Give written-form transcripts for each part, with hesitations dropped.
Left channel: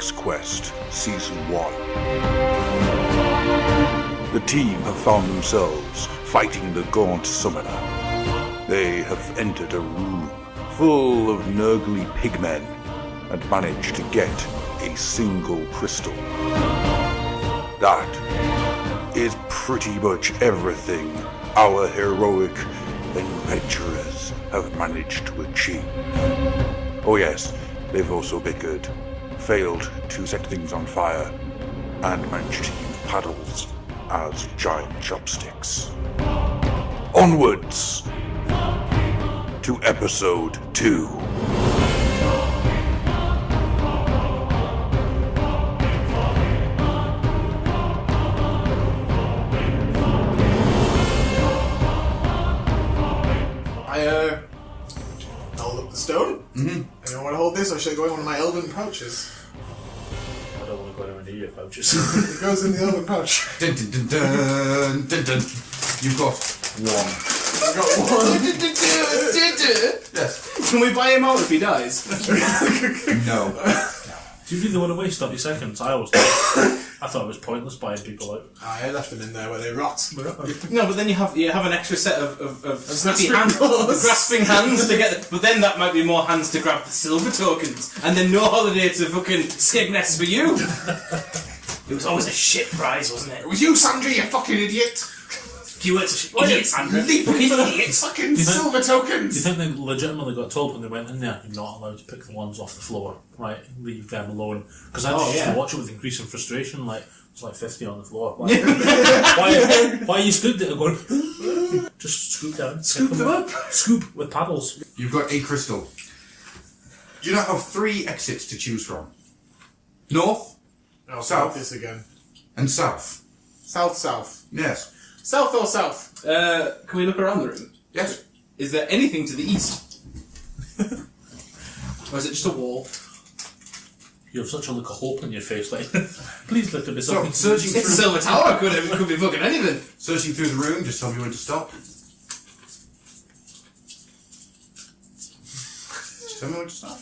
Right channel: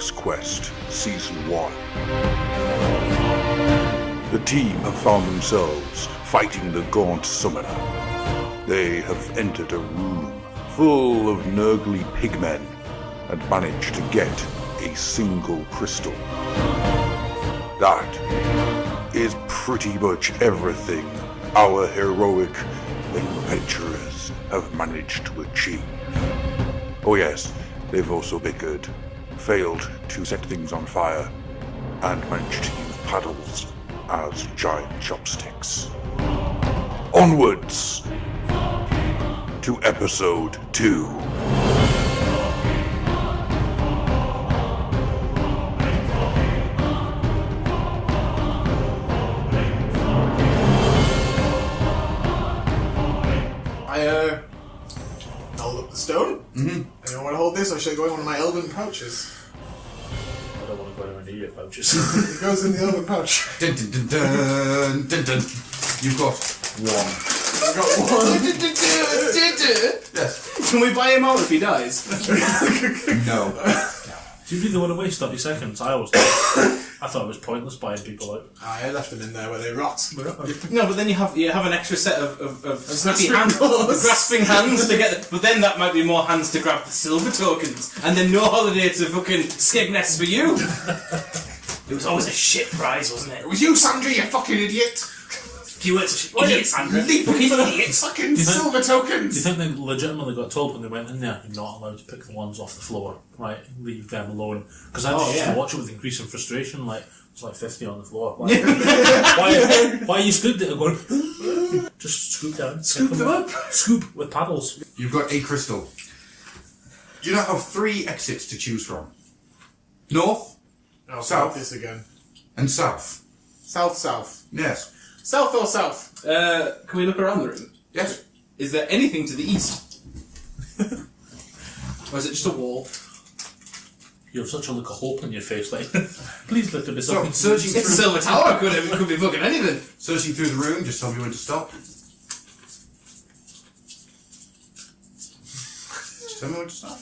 Xquest Season 1. The team have found themselves fighting the Gaunt Summoner. They have entered a room full of nurgly pigmen and managed to get a single crystal. That is pretty much everything our heroic adventurers have managed to achieve. Oh yes, they've also bickered, failed to set things on fire, and managed to use paddles as giant chopsticks. Onwards to Episode 2. Hold up the stone. Anyone want to hold this, or should I go in one of my elven pouches? I don't want to go anywhere near your pouches. It goes in the elven pouch. Dun, dun, dun, dun, dun, dun. You've got one. I got one. Yes. Can we buy him out if he dies? No. Do you really want to waste 30 seconds? I always thought. I thought it was pointless buying people out. I left them in there where they rot. No, but then you have an extra set of snappy hands, grasping hands to get. But then that might be more hands to grab the silver tokens, and then no holiday to fucking Skegness for you. It was always a shit prize, wasn't it? It was you, Sandra, you fucking idiot! You weren't such an idiot, Sandra. Leaping for the fucking silver You tokens! think they legitimately got told when they went in there, you're not allowed to pick the ones off the floor, right? Leave them alone. Because I just used to watch it with increasing frustration, like, it's like 50 on the floor. Why you stood there going, just scoop down, Scoop them up. Scoop with paddles. You've got a crystal. You now have 3 exits to choose from. North Oh, South. this again. and south. South. Yes. South or south? Can we look around the room? Yes. Is there anything to the east? Or is it just a wall? You have such a look of hope in your face, like, please let there be So, something. searching It's a through, silver tower. Could be fucking anything. searching through the room, just tell me when to stop. Just tell me when to stop.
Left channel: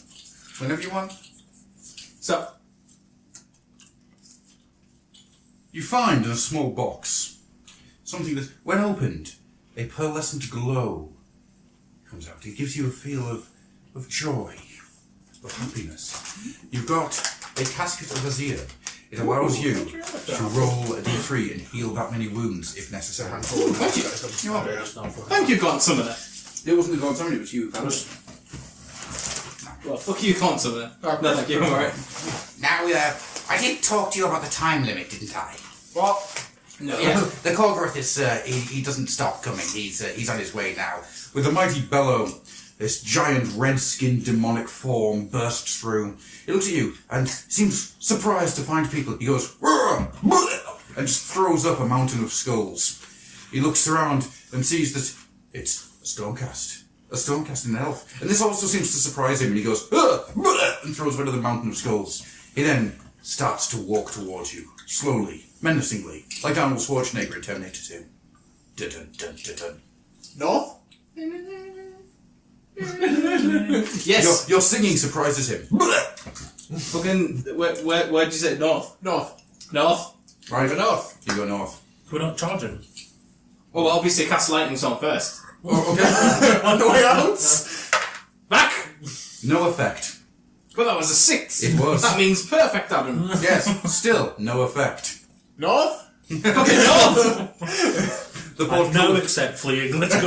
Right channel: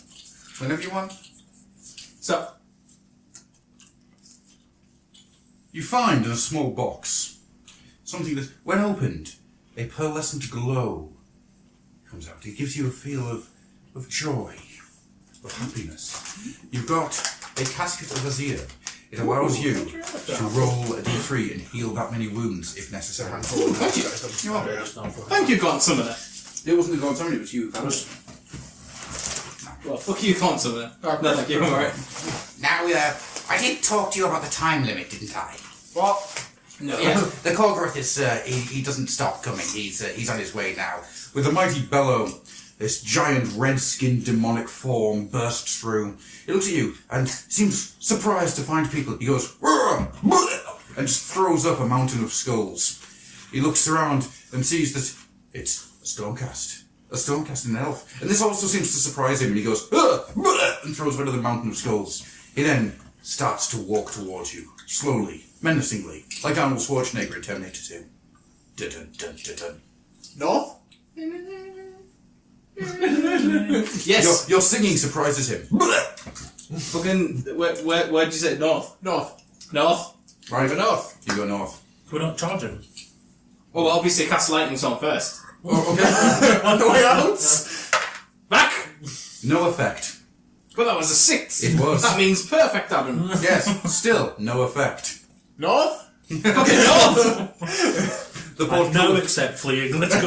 Whenever you want. So, You find in a small box something that, when opened, a pearlescent glow comes out. It gives you a feel of joy, of happiness. You've got a casket of Azir. It allows you to roll a d3 and heal that many wounds if necessary. thank you, Gaunt Summoner. It wasn't the Gaunt Summoner, it was you. That was... Well, fuck you, Gaunt Summoner. No, thank you. Alright. Now, I did talk to you about the time limit, didn't I? What? No. Yeah, the Colgrith is, he doesn't stop coming. He's on his way now. With a mighty bellow, this giant red-skinned demonic form bursts through. He looks at you and seems surprised to find people. He goes, and just throws up a mountain of skulls. He looks around and sees that it's a Stormcast. A Stormcast in an elf. And this also seems to surprise him, and he goes, and throws one of the mountain of skulls. He then starts to walk towards you, slowly, menacingly, like Arnold Schwarzenegger in Terminator 2. Dun, dun, dun, dun, dun. North? Yes. Your singing surprises him. Fucking. Where'd you say? North. North. North. Right, Go north. you go north. We're not charging. Well, obviously cast lightning storm first. On the way out? Back. No effect. Well, that was a 6. It was. That means perfect, Adam. Yes, still no effect. North? Fucking north. The I port now accept fleeing. Let's go.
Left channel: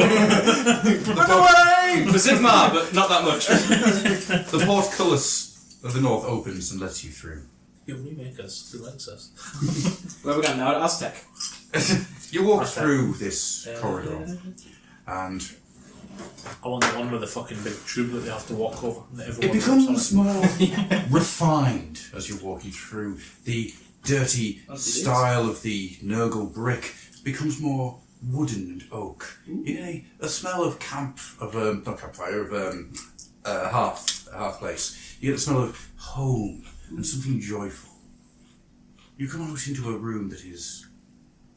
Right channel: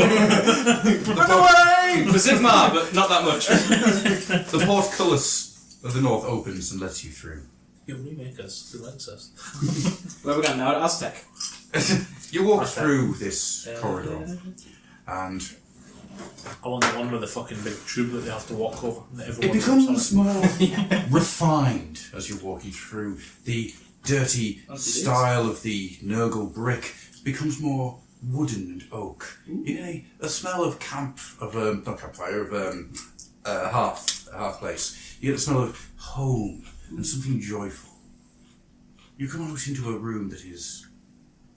For Sigmar, but not that much. the portcullis of the north opens and lets you through. He'll remake us. He likes us. Where are we going now? Aztec. You walk through this corridor, and I want the one with the fucking big tube that they have to walk over. That it everyone becomes more refined as you're walking through. The dirty style of the Nurgle brick becomes more wooden and oak. You get a smell of not campfire, of a hearth place. You get a smell of home and something joyful. You come out into a room that is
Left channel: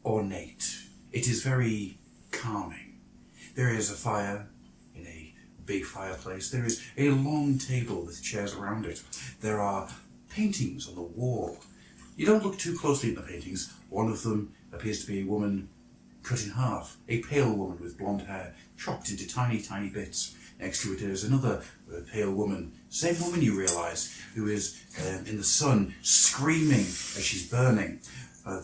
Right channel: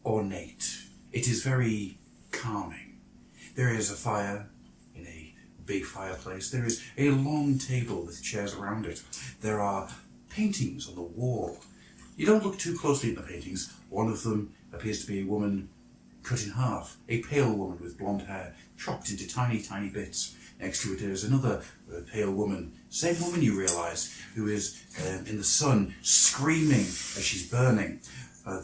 ornate. It is very calming. There is a fire in a big fireplace. There is a long table with chairs around it. There are paintings on the wall. You don't look too closely at the paintings. One of them appears to be a woman cut in half, a pale woman with blonde hair, chopped into tiny, tiny bits. Next to it there is another pale woman, same woman you realise, who is in the sun, screaming as she's burning. The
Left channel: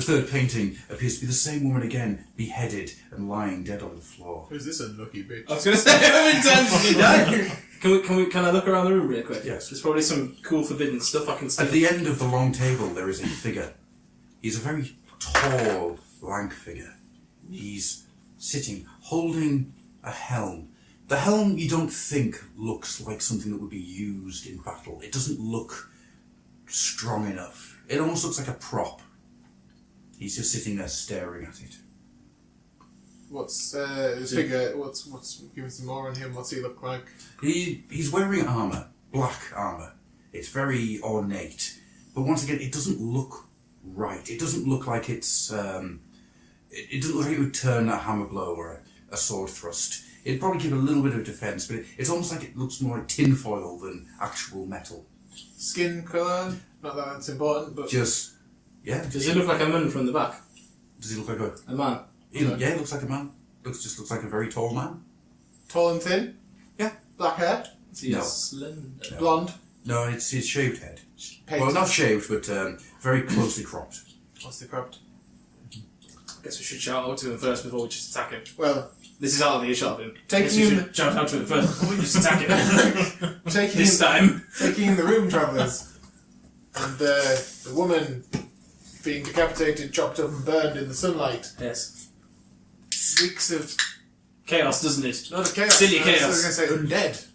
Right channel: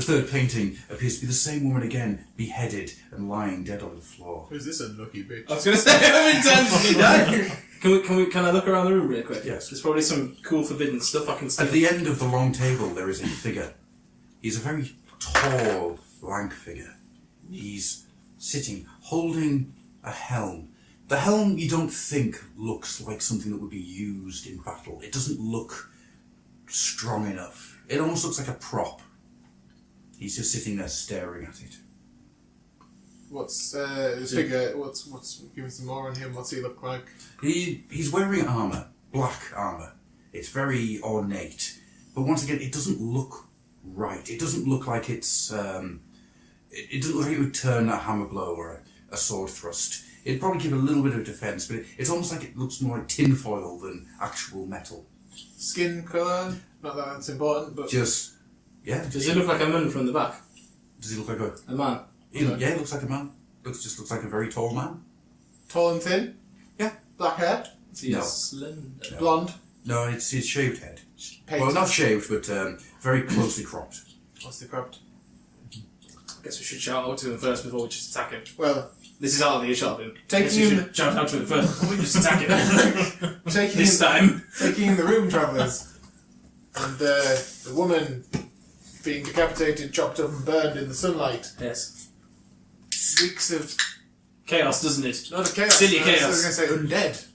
third painting appears to be the same woman again, beheaded and lying dead on the floor. Who's this unlucky bitch? I was going to say, how many times have you died? Can I look around the room real quick? Yes. There's probably some cool forbidden stuff I can see. At the end of the long table there is a figure. He's a very tall, lank figure. He's sitting, holding a helm. The helm you don't think looks like something that would be used in battle. It doesn't look strong enough. It almost looks like a prop. He's just sitting there staring at it. What's his figure? What's give me some more on him? What's he look like? He's wearing armour, black armour. It's very ornate. But once again, it doesn't look right. It doesn't look like it's it doesn't look like it would turn a hammer blow or a sword thrust. It'd probably give a little bit of defence, but it's almost like it looks more like tinfoil than actual metal. Skin colour? Not that that's important, but Just, yeah. Does he look like a man from the back? Does he look like a... A man? Yeah, he looks like a man. Just looks like a very tall man. tall and thin. Yeah. Black hair. Is he No. slender? Blonde. No, it's his shaved head. Painted. Well, not shaved, but very closely cropped. What's the cropped? I guess we should shout out to him first before we just attack him. Well, This is out of the earshot of him. Taking I guess we him- should shout out to him first before we just attack him. taking This time. in the room, travellers, and the woman being decapitated, chopped up, and burned in the sunlight. Yes. Reeks of Chaos, doesn't it? not a chaos. Silly I was chaos. going to say undead.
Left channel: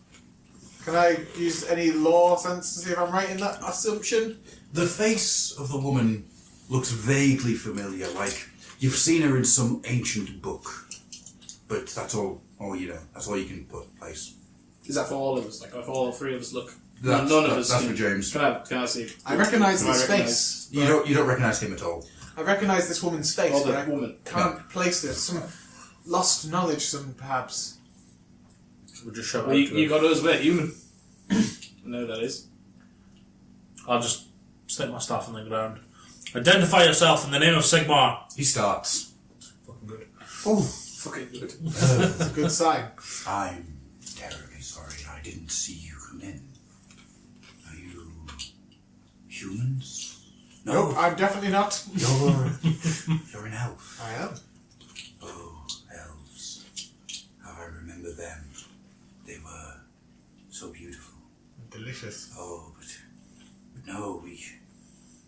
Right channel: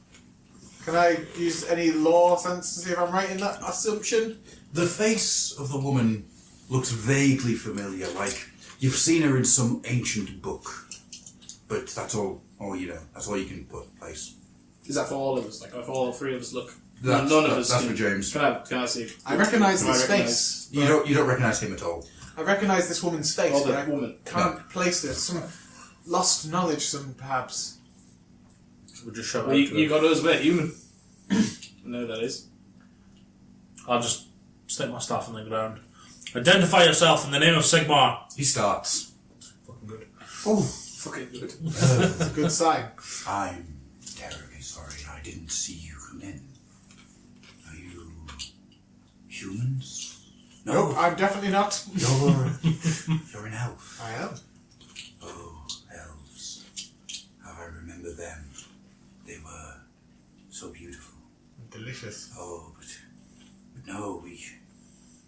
Can I use any law sense to see if I'm right in that assumption? The face of the woman looks vaguely familiar, like you've seen her in some ancient book. But that's all you know. That's all you can put in place. Is that for all of us? Like, if all three of us look? That's, none of us. that's for James. Can I see? I recognise Can I this recognise? face. You don't recognise him at all. I recognise this woman's face, Or but the I woman. can't place this. Some lost knowledge, some perhaps. We'll just shout Well, out you, to you him. got us, we're human. I know who that is. I'll just stick my staff on the ground. Identify yourself in the name of Sigmar. He starts. Fucking good. Oh, Fucking good. It's a good sign. I'm terribly sorry. I didn't see you come in. Are you humans? Nope, I'm definitely not. You're an elf. I am. Oh, elves. How I remember them. They were so beautiful. Delicious. Oh, but no,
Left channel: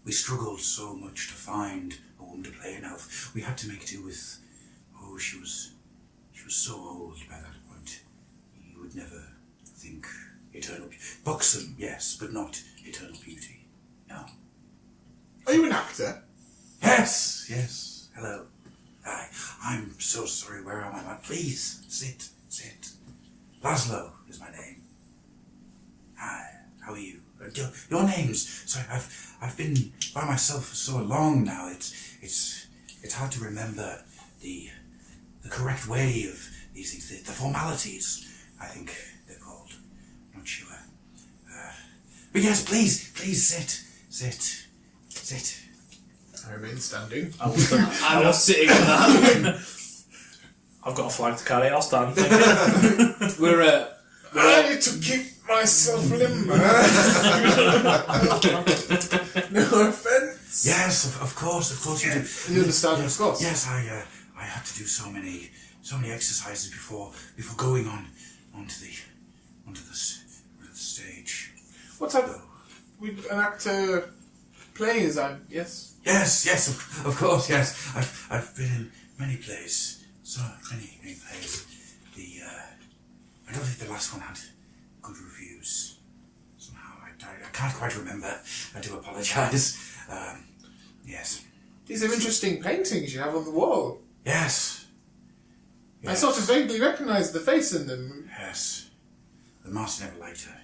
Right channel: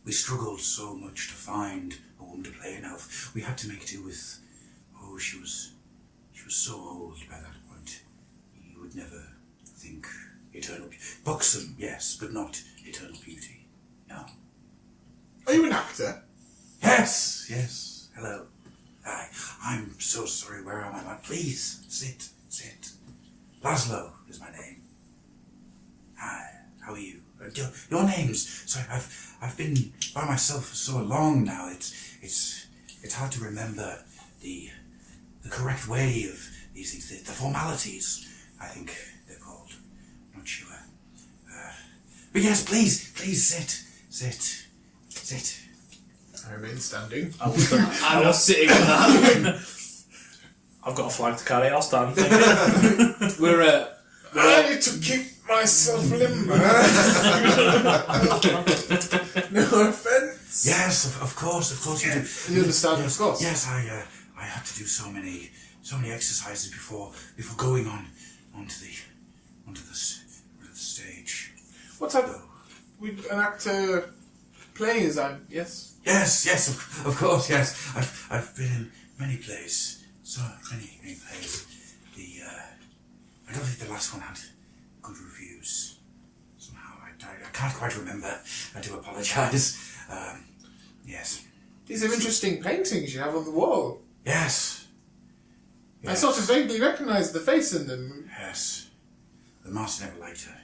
we struggled so much to find a woman to play an elf. We had to make do with. Oh, she was so old by that point. You would never think eternal beauty. Buxom, yes, but not eternal beauty. No. Are you an actor? Yes. Hello. Hi. I'm so sorry. Where am I? Please sit. Laszlo is my name. Hi. How are you? Your names. Sorry, I've been by myself for so long now. It's hard to remember the correct way of these things. The formalities, I think they're called. I'm not sure. But yes, please sit. I remain standing. I'm not sitting on that. I've got a flag to carry, I'll stand. We're I need to keep myself limber. No offence. Yes, of course you do. You understand, of course. Yes, I had to do so many exercises before going onto the stage. What type of... An actor playing, is that... Yes? Yes, of course, yes. I've been in many plays, so many plays. I don't think the last one had good reviews. Somehow I can't quite remember. I do apologise. Yes. These are interesting paintings you have on the wall. Yes. I sort of vaguely recognise the face in them. Yes. The master never liked her.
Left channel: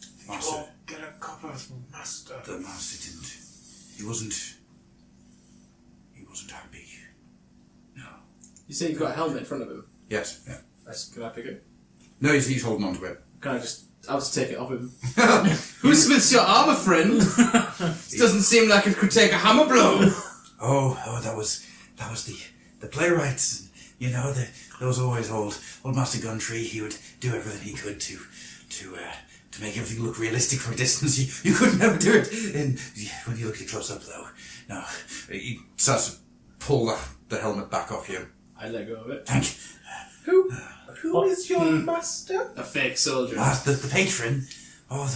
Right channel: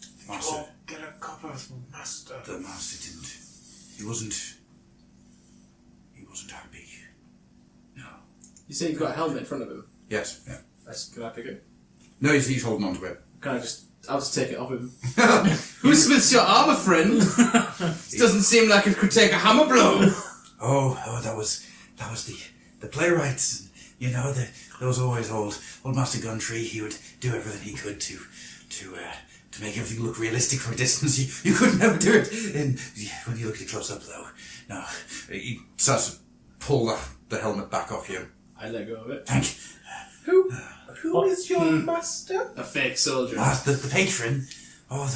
The You master. won't get a copper from master. The master didn't. He wasn't happy. No. You say you've got a helmet in front of him. Yes. Yeah. Can I pick it? No, he's holding on to it. Can I just I'll just take it off him. Who smiths your armour, friend? It doesn't seem like it could take a hammer blow. Oh, that was the playwrights. You know, there was always old Master Guntree. He would do everything he could to make everything look realistic from a distance. You could never do it. And when you look at close up, though, no, he starts to pull the helmet back off you. I let go of it. Thank you. Who is your master? A fake soldier. The patron. Oh,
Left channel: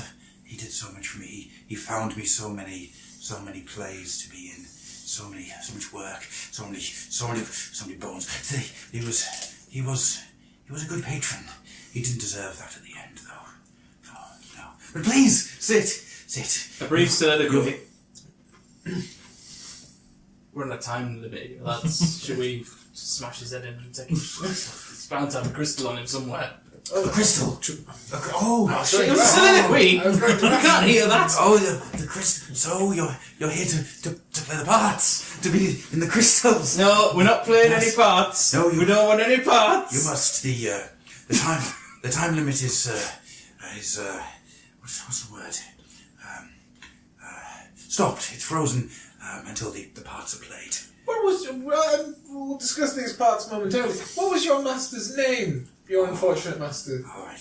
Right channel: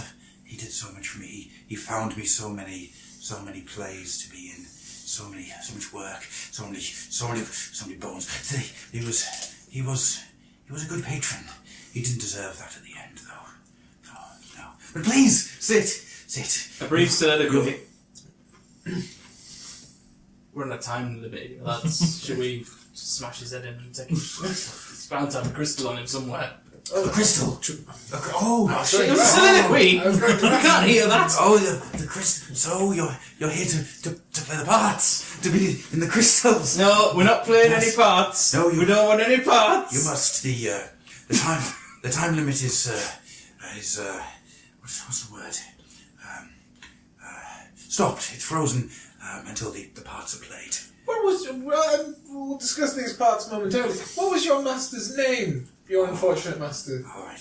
he did so much for me. He found me so many plays to be in, so much work, so many bones. He was a good patron. He didn't deserve that at the end, though. No. But please sit. A brief soliloquy. We're in a time limit, lads. Should we smash his head in and take him? It's bound to have a crystal on him somewhere. A crystal. Oh, There's a soliloquy. You can't hear that. Oh, the crystal. So you're here to play the parts, to be in the crystals. No, we're not playing any parts. No, we don't want any parts. You must. The time limit is what's the word? Stopped. It's frozen until the parts are played. What was we'll discuss these parts momentarily. What was your master's name? Your unfortunate master. Oh, I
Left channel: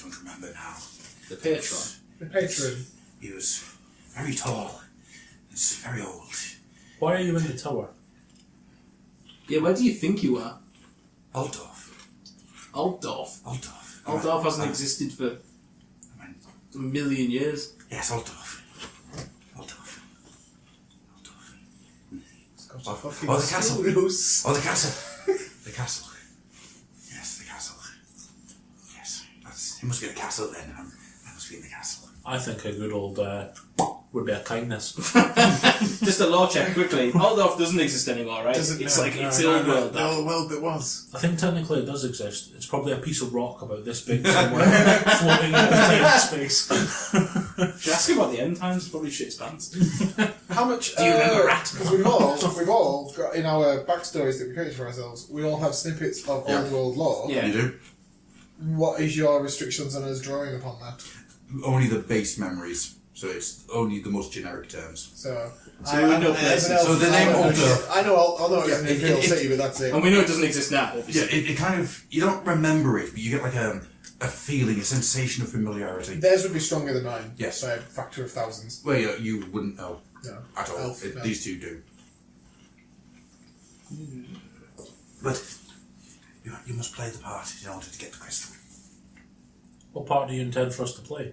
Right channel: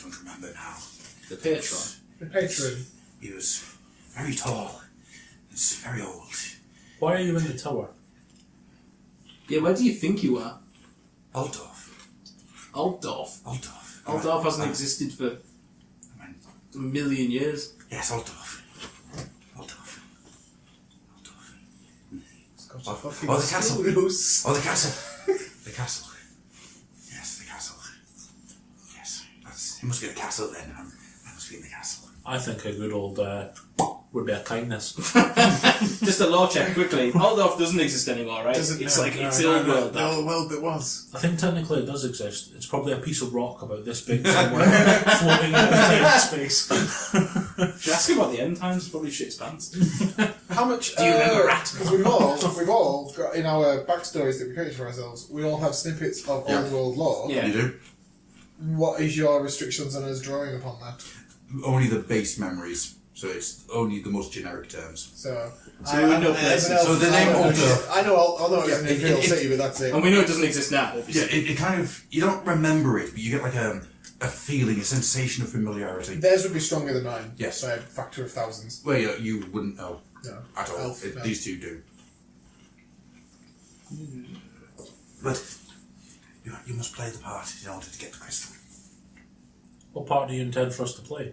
don't remember now. The patron. The patron. He was very tall. He's very old. Why are you in the tower? Yeah, where do you think you are? Altdorf. Altdorf hasn't existed for a million years. Yes, Altdorf. Oh, the castle. Oh, the castle. The castle. Yes, the castle. Yes, it must be a castle then. I must be in the castle. I think a good old would be a kindness. Just a law check quickly. Altdorf doesn't exist anymore, right? It's the old world. The old world that was. I think technically it does exist. It's probably a piece of rock about this big somewhere, floating in space. Should ask him about the end times. Probably shit pants. How much? Do you remember Rat? Because we've all got in our backstories that we created for ourselves. We all have snippets of old world lore. Yeah. You do? What is your restrictions on us drawing upon that? Only the base memories. So it's only the most generic terms. So I know as an places. elf, So the name Altdorf. I know it's an Imperial City, but that's it. And we know it doesn't exist now, Yeah, obviously. it kind of, you don't remember it, but you get like a feeling, a sensation of familiarity. Theirs would be stronger than mine. Yes. By a factor of thousands. Well, you wouldn't know No. at all. Elf, no. These two do. But you must play the part in order to get the crystal. What part do you intend for us to play?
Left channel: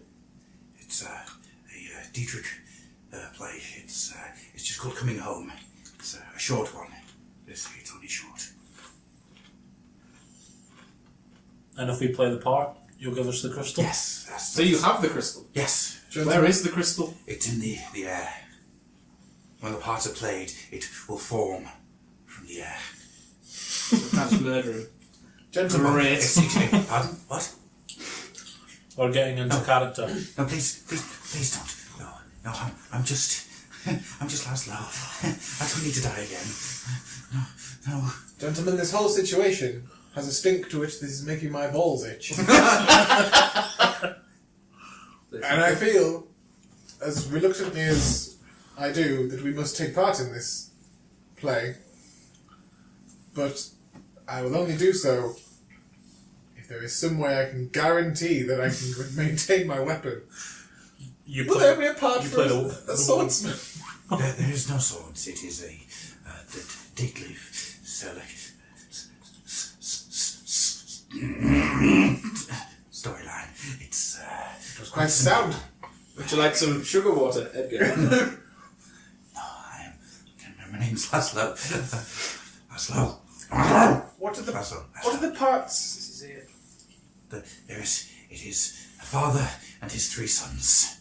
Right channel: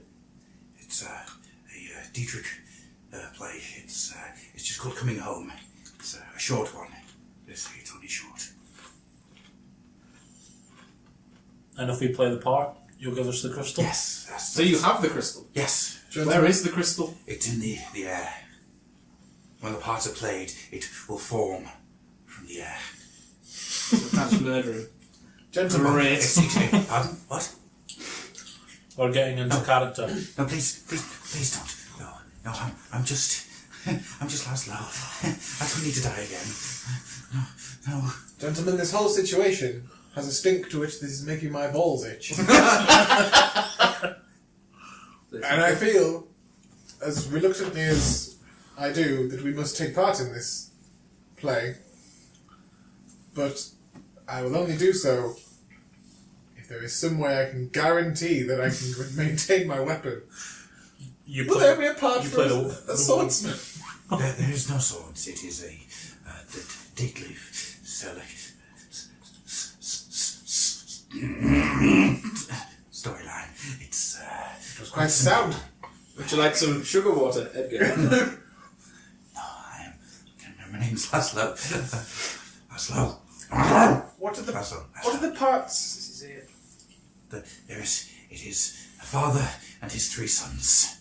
It's a Dietrich play. It's just called Coming Home. It's a short one. It's only short. And if we play the part, you'll give us the crystal? Yes. So you have the crystal. Yes. Where is the crystal? It's in the air. When the parts are played, it will form from the air. That's murdering. Gentlemen, Great. Pardon? What? We're getting into character. No, please don't. No, I'm just Laszlo. I don't need to die again. No. gentlemen, this whole situation has a stink to it that is making my balls itch. And I feel, as reluctantly as I do, that we must take part in this play. But I will only do so if there is some way I can guarantee that I can maintain my weapon. You Will play, there be a part you for play a swordsman? There is no swords. It is a date leaf storyline. It was quite sound. Would you like some sugar water, Edgar? My name's Laszlo. Laszlo. What are the Laszlo. What are the parts? It is a father and his 3 sons.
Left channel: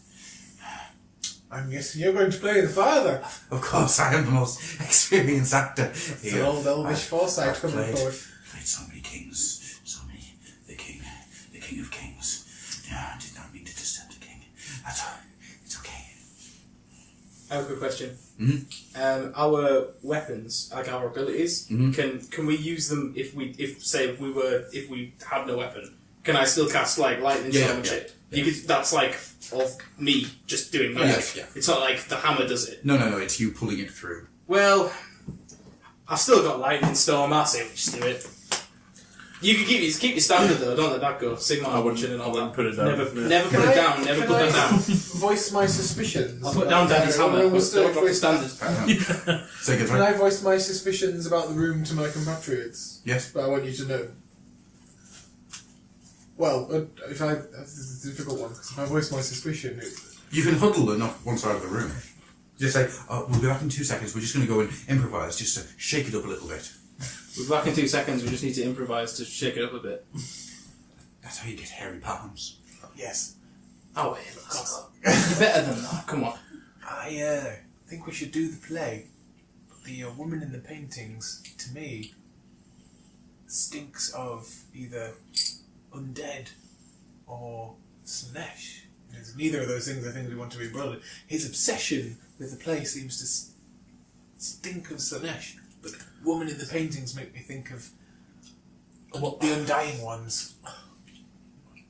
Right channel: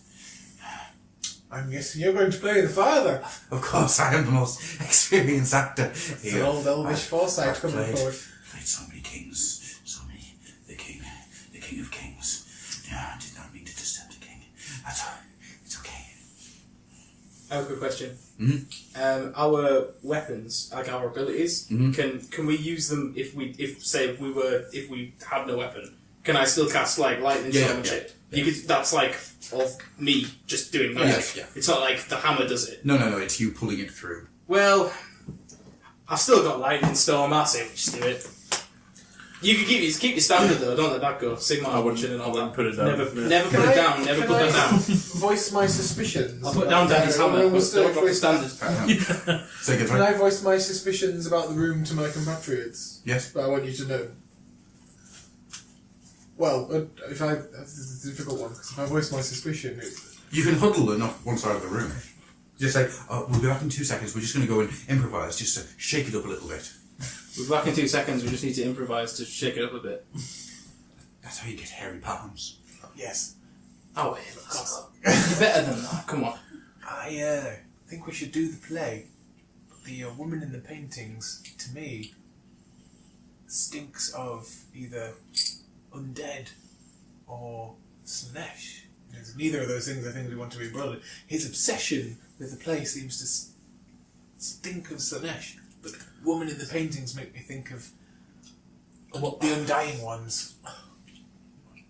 I'm guessing you're going to play the father. Of course, I am the most experienced actor. It's an old elvish foresight I've coming forward. played so many kings, the king of kings. Yeah, I did not mean to disturb the king. That's all. It's okay. I have a quick question. Mm-hmm. Our weapons, like our abilities, Mhm. can we use them if we had no weapon? can I still cast like lightning storm and yeah. shit? You could, that's like of me just doing that. Yes, yeah. It's not like the hammer does it. No, it's you pulling it through. Well, I've still got lightning storm. I'll say we just do it. You can keep your standard though. Don't let that go. Sigma, I wouldn't put it down. Never put it down. Never put it down. Voice my suspicions. I'll put down Daddy's hammer. I've got the standard. Can I voice my suspicions about the room to my compatriots? Yes. But I want you to know. Well, that's a difficult one, because if I voice my suspicion... You can huddle and not one side of the room. Just say, we'll be back in 2 seconds, we're just going to go and improvise, just to shake it up a little bit. We'll be back in 2 seconds, we just need to improvise to shake it up a bit. That's how you get hairy palms. Yes. Oh, yeah, better than that, come on. I think we should do the play. The woman in the paintings, to me, stinks of either undead or Slanesh. It's neither of those things I think we want to be embroiled in. His obsession with the play seems to stink of Slanesh, but the woman in the paintings make me think of the undying ones.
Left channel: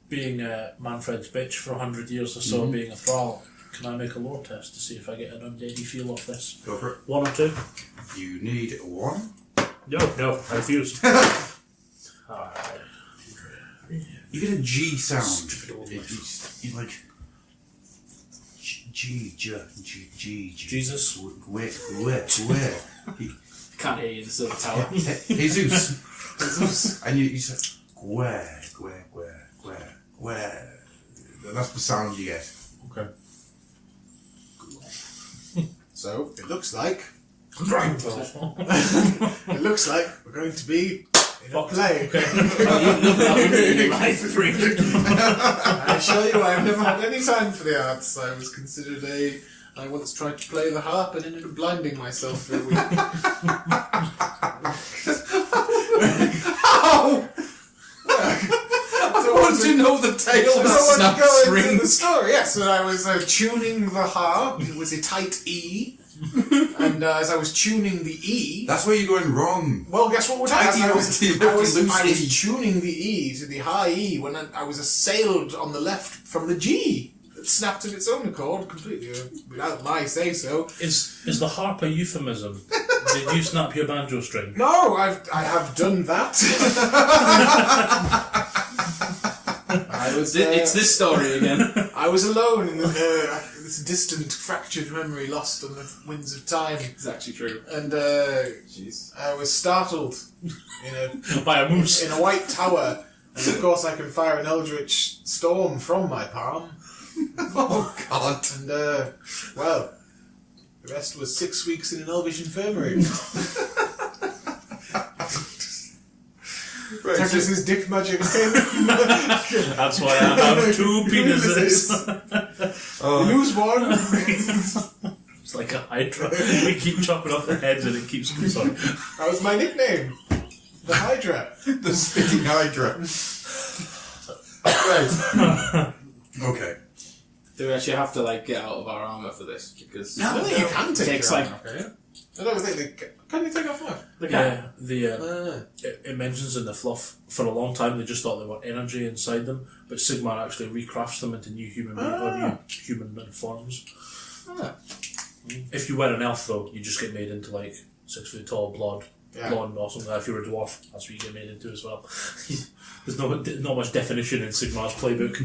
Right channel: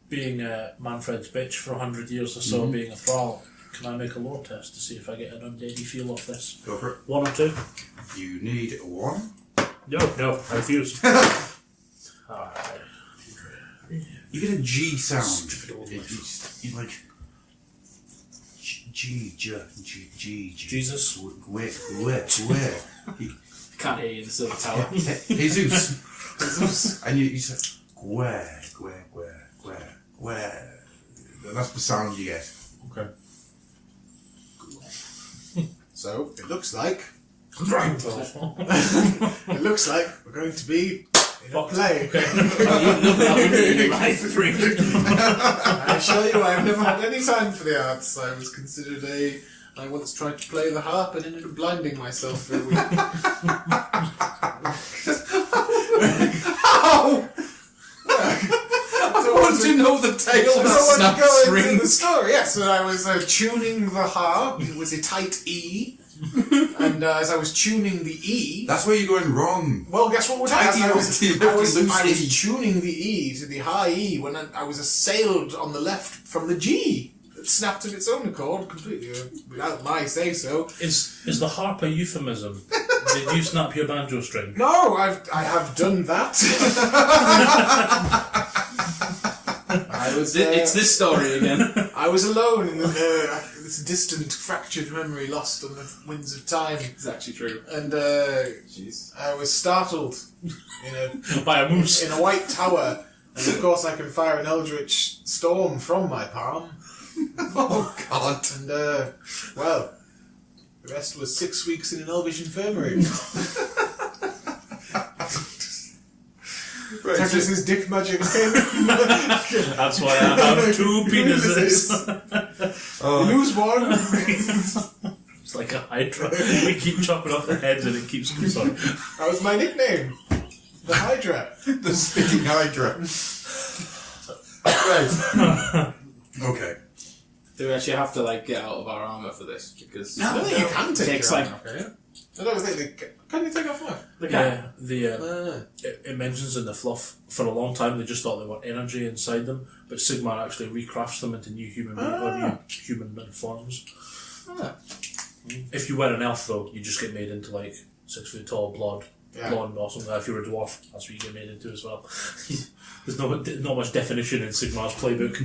Being Manfred's bitch for 100 years or so, being a thrall, can I make a lore test to see if I get an undeady feel off this? Go for it. 1 or 2? You need 1. No, I refuse. You get a G sound. You like G. Jesus. Where? Can't hear you in the silver tower. Jesus. And you say, where? That's the sound you get. Okay. So, it looks like we're going to be in a play. I assure you, I've never had any time for the arts. I was considered I once tried to play the harp and ended up blinding myself for a week. How? I want to know the tale of the So snap the strings. story, yes, when I was tuning the harp, it was a tight E. And as I was tuning the E... That's where you're going wrong. Well, guess what would happen? I was E. tuning the E to the high E when I was assailed on the left from the G. It snapped of its own accord, completely without my say-so. Is the harp a euphemism? Did you snap your banjo string? No, I have done that. It's this story again. I was alone in this distant, fractured memory lost on the winds of time. It's actually true. And I was startled By a moose. in a white tower. And of course I can fire an eldritch storm from my palm. Oh, God. And, well, the rest was 6 weeks in an elvish infirmary. Tetris' dick magic. That's why I have 2 penises. Lose one. It's like a hydra. We keep chopping off their heads and it keeps... Sorry. That was my nickname. The Hydra. The spitting hydra. Right. Okay. Do we actually have to get out of our armour for this? Because No, you can take takes your like armor off, I don't think can you take off what? Yeah, it mentions in the fluff, for a long time they just thought there were energy inside them, but Sigmar actually recrafts them into new human forms. If you were an elf though, you just get made into 6 foot tall, blonde or something. If you're a dwarf, that's what you get made into as well. There's not much definition in Sigmar's playbook.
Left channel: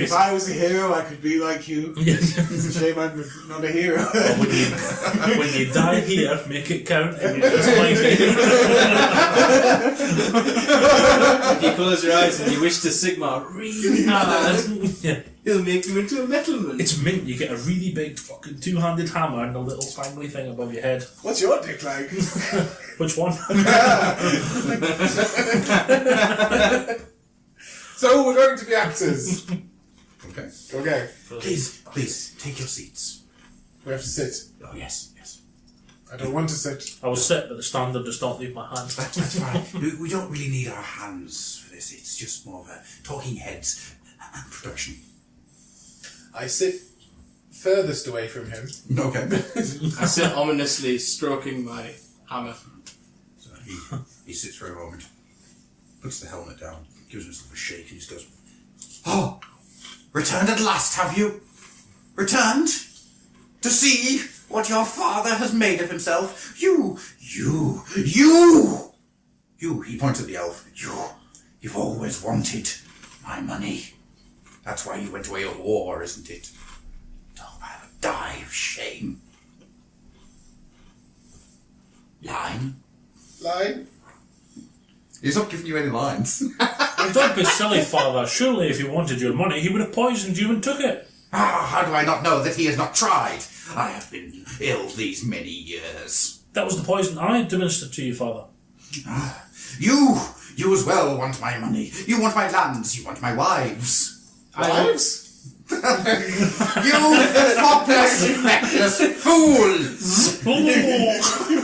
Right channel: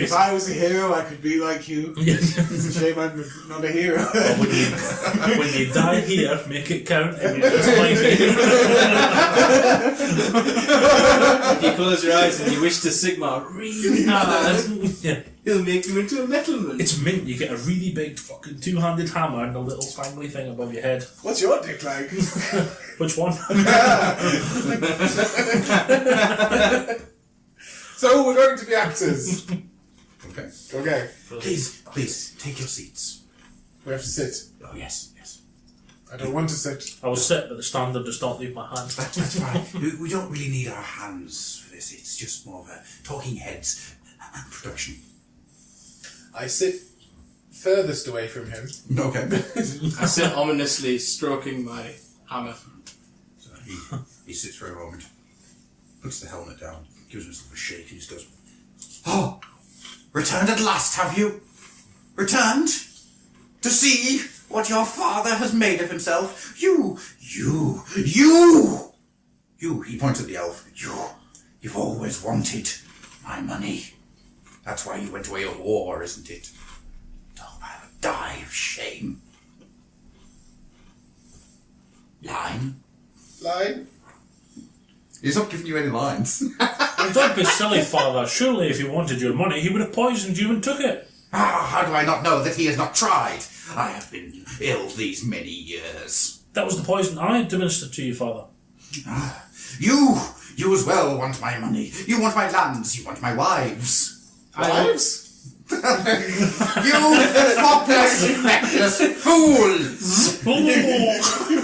If I was a hero, I could be like you. It's a shame I'm not a hero. Well, when you die here, make it count. And you're just like if you close your eyes and you wish to Sigmar really hard, yeah. he'll make you into a metalman. It's mint. You get a really big fucking 2-handed hammer and a little family thing above your head. What's your dick like? Which one? So we're going to be actors. Okay. Okay. Please, take your seats. We have to sit. Oh, yes. I don't want to sit. I was sit, but the standard does not leave my hand. That's fine. We don't really need our hands for this. It's just more of a talking heads and production. I sit furthest away from him. Okay. I sit ominously stroking my hammer. So he sits for a moment, puts the helmet down, gives himself a shake. He just goes, "Oh, returned at last, have you? Returned? To see what your father has made of himself? You, he points at the elf. You've always wanted my money. That's why you went away of war, isn't it? Don't have a die of shame." Line? He's not giving you any lines. Don't be silly, father. Surely if he wanted your money, he would have poisoned you and took it. How do I not know that he has not tried? I have been ill these many years. That was the poison I administered to you, father. You as well want my money. You want my lands. You want my wives. Wives? You thoughtless, feckless fools!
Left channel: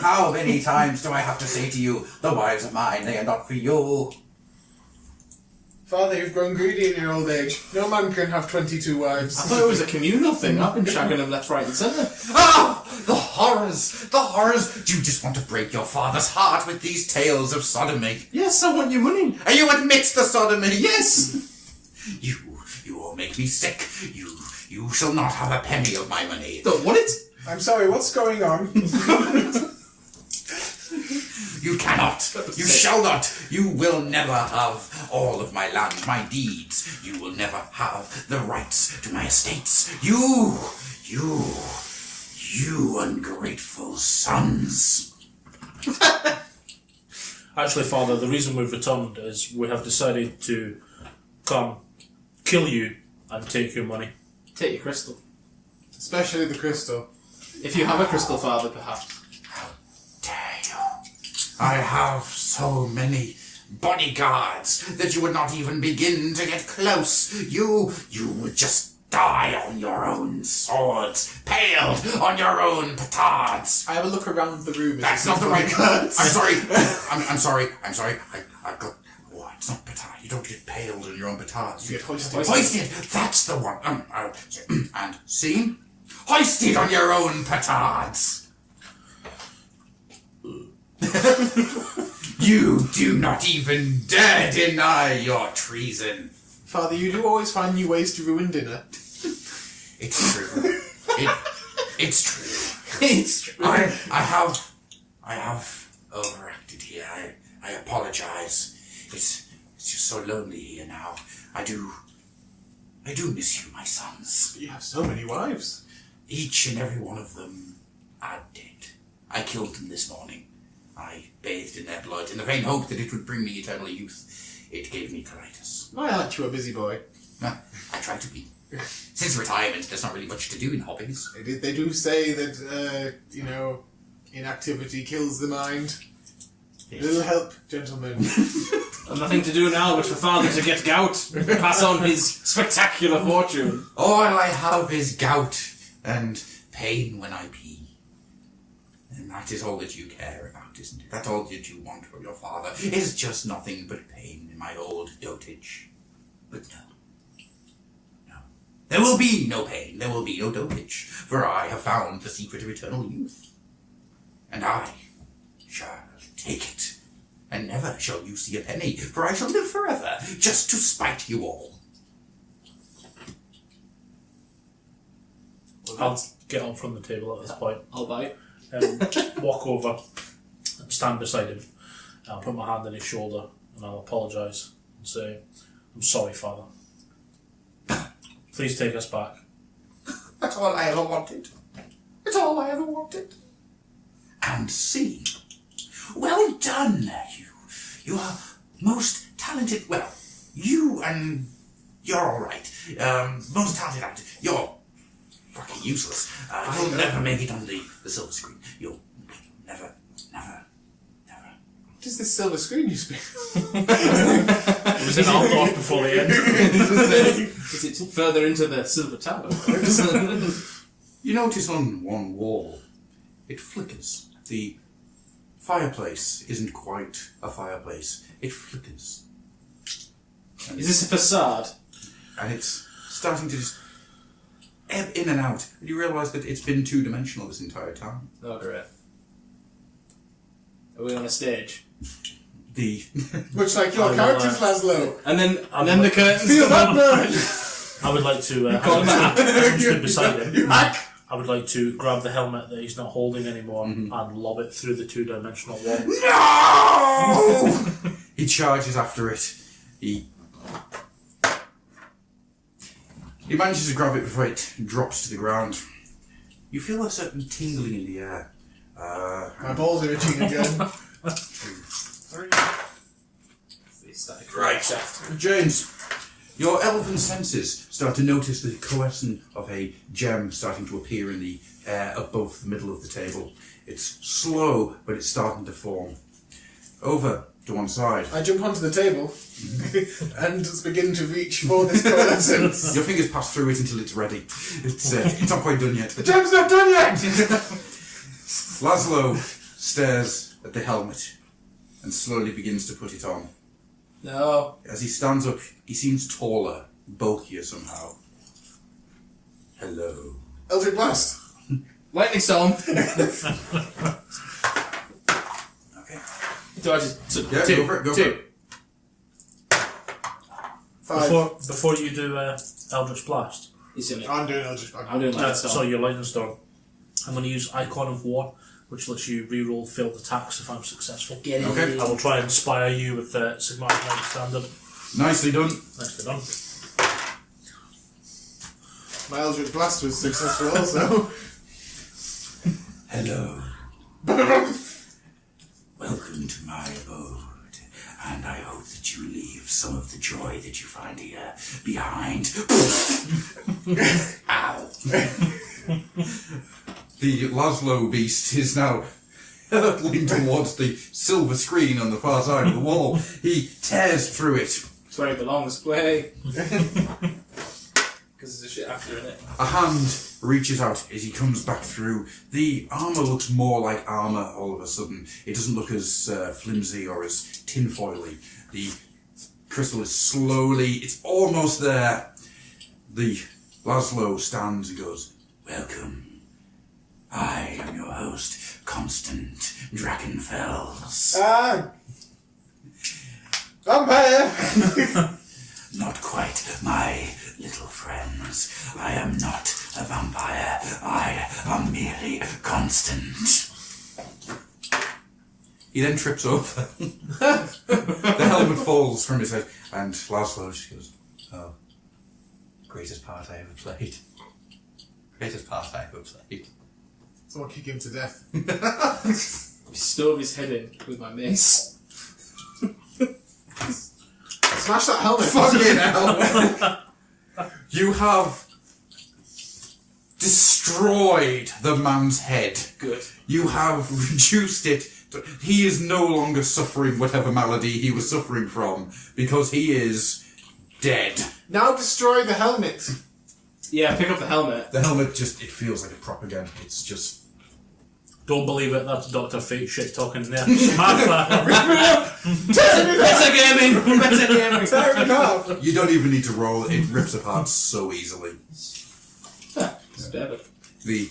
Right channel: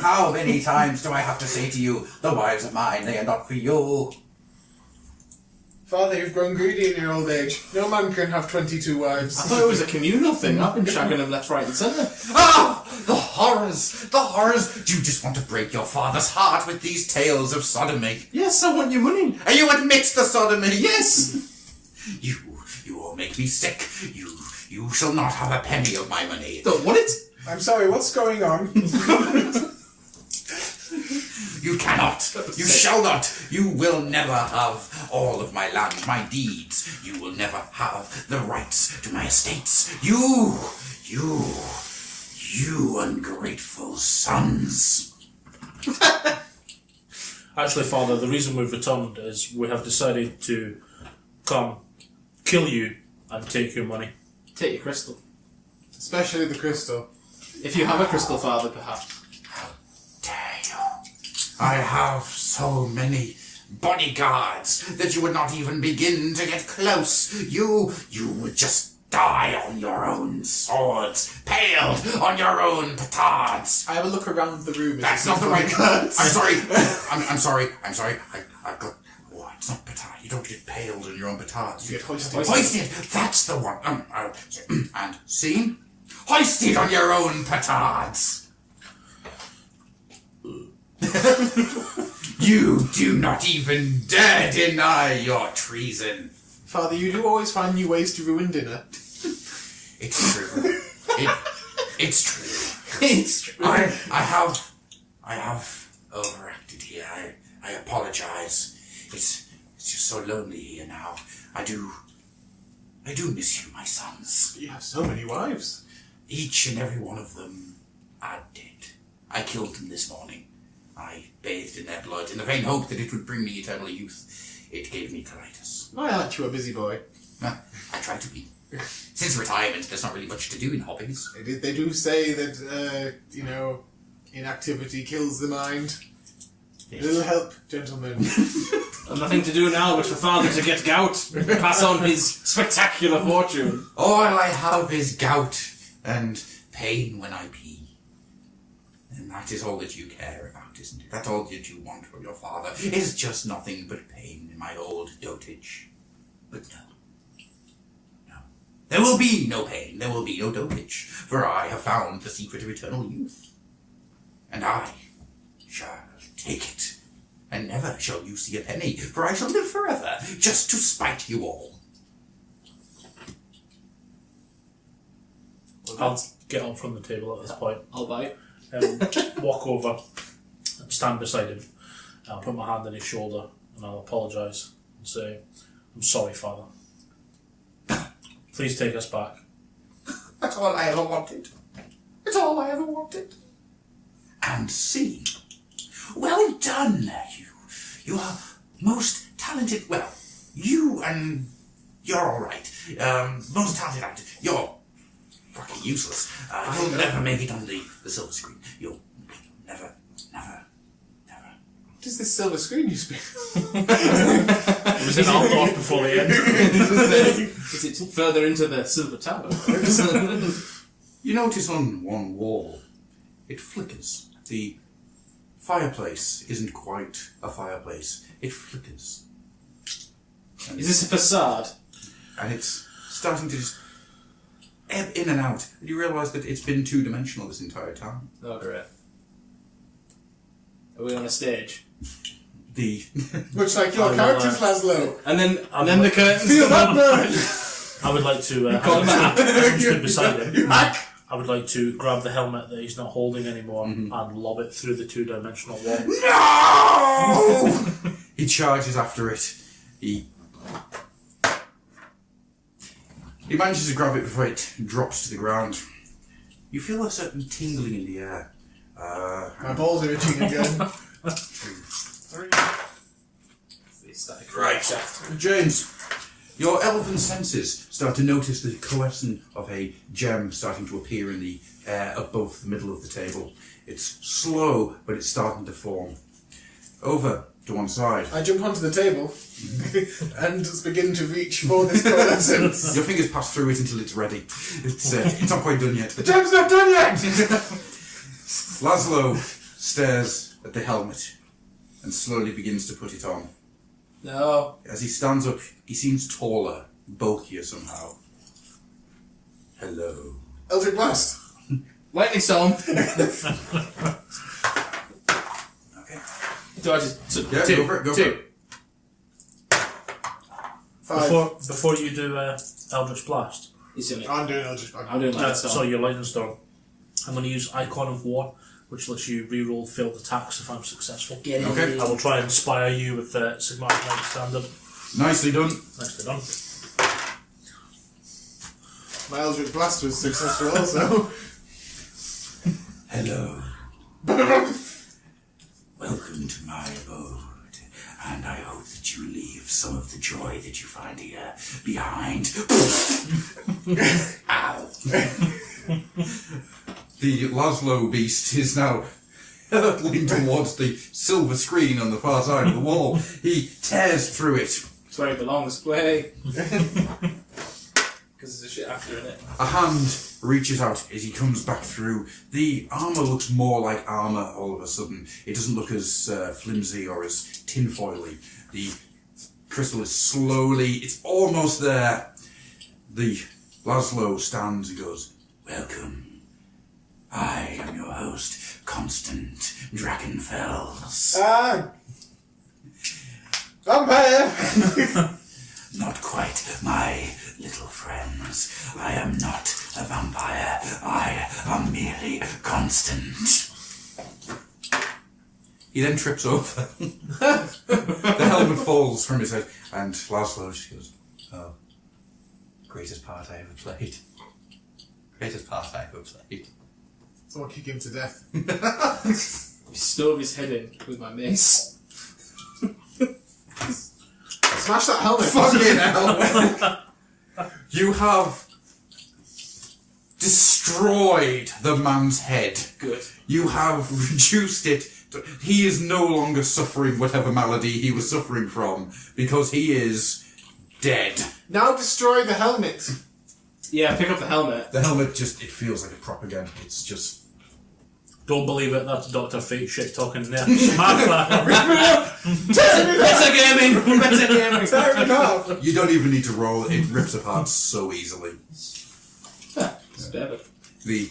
How many times do I have to say to you, the wives are mine, they are not for you? Father, you've grown greedy in your old age. No man can have 22 wives. I thought it was a communal thing. I've been shagging them left, right and centre. Ah! The horrors! The horrors! Do you just want to break your father's heart with these tales of sodomy? Yes, I want your money. And you admit the sodomy? Yes! You all make me sick. You shall not have a penny of my money. Don't want it? I'm sorry, what's going on? You cannot. You shall not. You will never have all of my land, my deeds. You will never have the rights to my estates. You ungrateful sons. Actually, father, the reason we've returned is we have decided to come, kill you, and take your money. Take your crystal. Especially the crystal. If you have a crystal, father, perhaps. How dare you? I have so many bodyguards that you would not even begin to get close. You would just die on your own swords, paled on your own petards. I have a look around the room. That's not the right word. I'm sorry. I'm sorry. I've got... Oh, it's not petard. You don't get paled on your own petards. You get hoisted. Hoisted. That's the one. And see? Hoisted on your own petards. You do not even dare deny your treason. Father, you do always find new ways to ruin dinner. It's true. It's true. It's true. I have overacted here. I apologize. It's just so lonely here now. I do miss you, my sons. You have so many wives. Each and every one of them are dead. I killed them this morning. I bathed in their blood in the vain hope that it would bring me eternal youth. It gave me colitis. I aren't you a busy boy? I try to be. Since retirement, there's not really much to do in hobbies. They do say that, inactivity kills the mind. Yes. Little help, gentlemen. I've nothing to do now but for father to get gout and pass on his spectacular fortune. All I have is gout and pain when I pee. And that is all that you care about, isn't it? That's all that you want from your father. Is just nothing but pain in my old dotage. But no. There will be no pain, there will be no dotage, for I have found the secret of eternal youth. And I shall take it, and never shall you see a penny, for I shall live forever, just to spite you all. I'll get up from the table at this point I'll buy. and walk over and stand beside him. And I'll put my hand on his shoulder and I'll apologise and say, I'm sorry, father. Please take us back. That's all I ever wanted. That's all I ever wanted. And see. Well done, you. You are most talented. Well, you and you're all right. Most talented actor. You're fucking useless. You'll never make it on the silver screen. You'll never. What is this silver screen you speak? It was in Aldorf before the end. Is it further into the silver tower? You notice on one wall, it flickers. The fireplace isn't quite a fireplace. It flickers. Is this a facade? And it's starting to just ebb in and out. And you realise that it's been two-dimensional this entire time. Oh, great. Are we on a stage? Much like your characters, Laszlo. And then the curtains. Feel that burn! I would like to, stood beside him. I would like to grab the helmet that he's not holding anymore and lob it through the two-dimensional wall. No! He charges after it. He manages to grab it before it drops to the ground. You feel a certain tingling in the air. My balls are itching again. Right. James, your elven senses start to notice the coalescence of a gem starting to appear in the air above the middle of the table. It's slow, but it's starting to form. Over to one side. I jump onto the table and just begin to reach for this coalescence. Your fingers pass through it until it's ready. It's not quite done yet. The job's not done yet! Laszlo stares at the helmet and slowly begins to put it on. No. As he stands up, he seems taller, bulkier somehow. Hello. Eldritch Blast. Lightning Storm. Do I just... Yeah, two, go for it, go for it. 5. Before you do Eldritch Blast, He's doing it. I'm doing Eldritch Blast. I'm doing Lightning Storm. sorry, your Lightning Storm, I'm going to use Icon of War, which lets you reroll failed attacks if I'm successful. Get in. Okay. I will try and inspire you with Sigmar's Knight Standard. Nicely done. Nicely done. My Eldritch Blast was successful also. Hello. Welcome to my abode, and I hope that you leave some of the joy that you find here behind. Ow. The Laszlo beast is now hurtling towards the silver screen on the far side of the wall. He tears through it. It's where it belongs. Play. Because there's a shit after in it. A hand reaches out as he comes back through. The armour looks more like armour all of a sudden. It doesn't look as flimsy or as tinfoily. The crystal is slowly, it's almost there. The Laszlo stands and goes, welcome. I am your host, Constant Dragonfells. Vampire! Not quite, my little friends. I am not a vampire. I am merely Constant. He then trips over. The helmet falls from his head, and Laszlo just goes, oh, greatest part I ever played. Greatest part I ever played. Someone kick him to death. Stove his head in with my mace. Smash that helmet. Fucking hell! You have destroyed the man's head. Good. You have reduced it. He is no longer suffering whatever malady he was suffering from, because he is dead. Now destroy the helmet. Yeah, pick up the helmet. The helmet just, it feels like a prop again. It's just... Don't believe it, that's Dr. Fate shit talking there. Metagaming! Metagaming! Tear it off. You don't even need to roll. It rips apart so easily. Stab it. The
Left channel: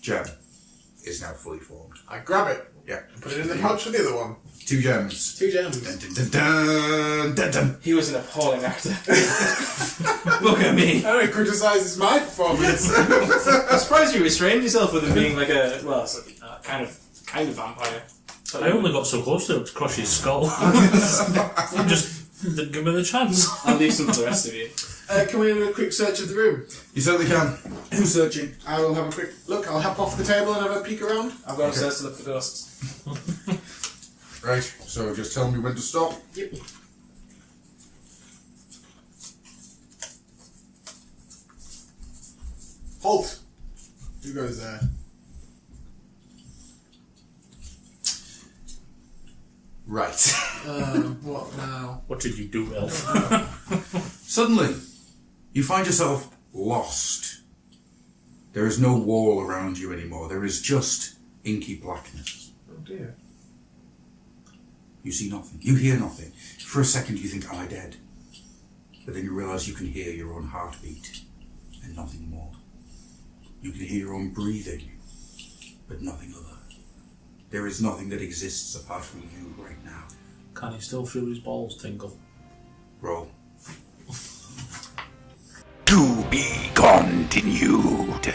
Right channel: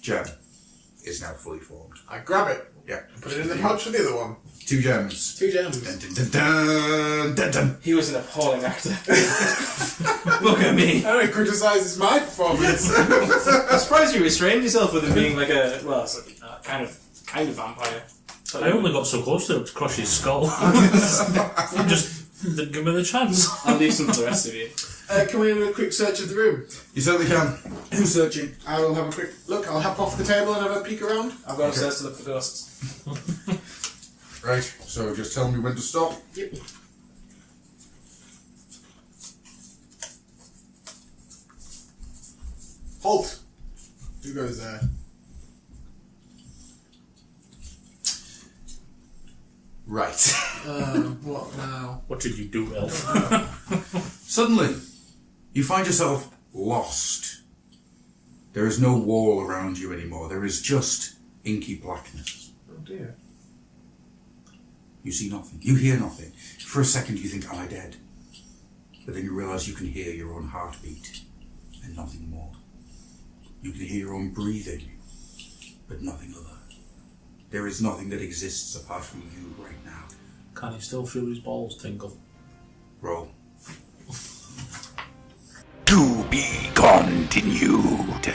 gem is now fully formed. I grab it. Yeah. Put it in the pouch for the other one. 2 gems. 2 gems. Dun, dun, dun, dun, dun, dun. He was an appalling actor. Look at me. I don't criticise my performance. I'm surprised you restrained yourself with him being like a, well, it's like a kind of vampire. I only got so close to him to crush his skull. Just didn't give me the chance. I'll leave some for the rest of you. Can we do a quick search of the room? You certainly can. Who's searching? I will have a quick look. I'll hop off the table and have a peek around. I'll go upstairs to look for ghosts. Right, so just tell me when to stop. Yep. Halt! Who goes there? Right. What now? What did you do, Elf? Suddenly, you find yourself lost. There is no wall around you anymore. There is just inky blackness. Oh dear. You see nothing. You hear nothing. For a second you think, am I dead? But then you realise you can hear your own heartbeat and nothing more. You can hear your own breathing, but nothing other. There is nothing that exists apart from you right now. Can he still feel his balls tingle? Roll. To be continued.